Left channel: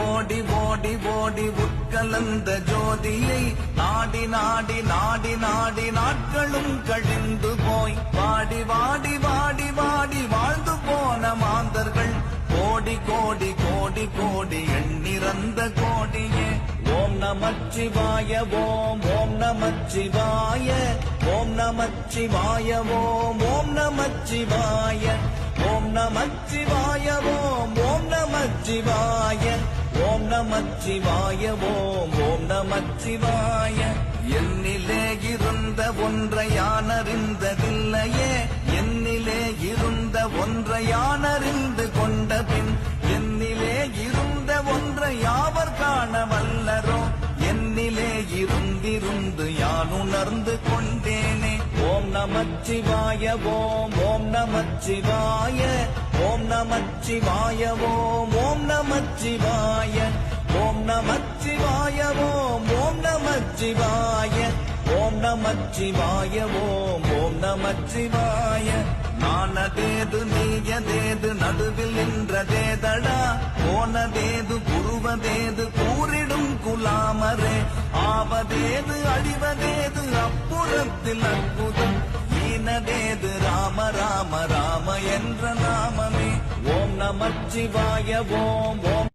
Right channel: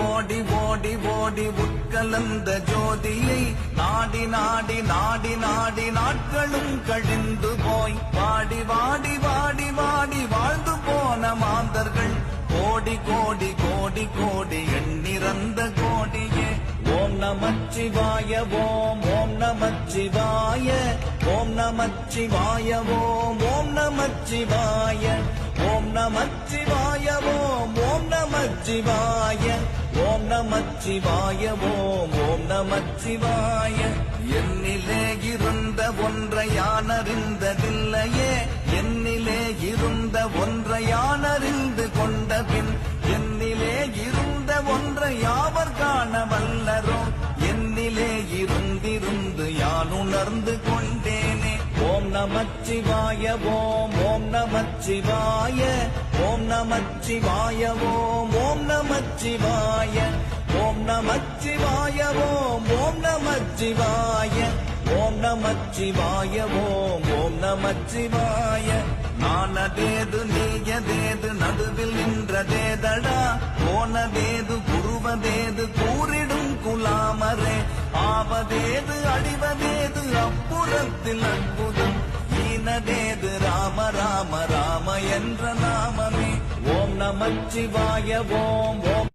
ஓடி ஓடி ஓடி உட்கலந்த ஜோதியை நாடி நாடி நாடி நாடி நாட்களும் கழிந்து போய் வாடி வாடி வாடி வாடி வாழ்ந்து போன மாந்தர்கள் கோடி கோடி கோடி கோடி எண்ணிறந்த கோடியே ஓம் நமச்சிவாய ஓம் ஓம் நமச்சிவாய ஓம் நமச்சிவாய ஓம் ஓம் நமச்சிவாய ஓம் நமச்சிவாய ஓம் ஓம் நமச்சிவாய ஓம் நமச்சிவாய ஓம் ஓம் நமச்சிவாய என்னிலே இருந்த ஒன்றை யானறிந்ததில்லையே என்னிலே இருந்த ஒன்றை யானறிந்து கொண்டபின் என்னிலே இருந்த ஒன்றை யாவர் காண வல்லரோ என்னிலே இருந்திருந்து யான் உணர்ந்து கொண்டேனே ஓம் நமச்சிவாய ஓம் ஓம் நமச்சிவாய ஓம் நமச்சிவாய ஓம் ஓம் நமச்சிவாய ஓம் நமச்சிவாய ஓம் ஓம் நமச்சிவாய ஓம் நமச்சிவாய ஓம் ஓம் நமச்சிவாய மானதேது நீயதேது நடுவில் நின்றதேதடா போனதேது புருவதேது கூறிடும் குலாமரே ஆவதேது அடிவதேது அப்புறத்தில் அற்புதம் ஈனதேது ராம ராம ராம என்ற நாமமே ஓம் நமச்சிவாய ஓம்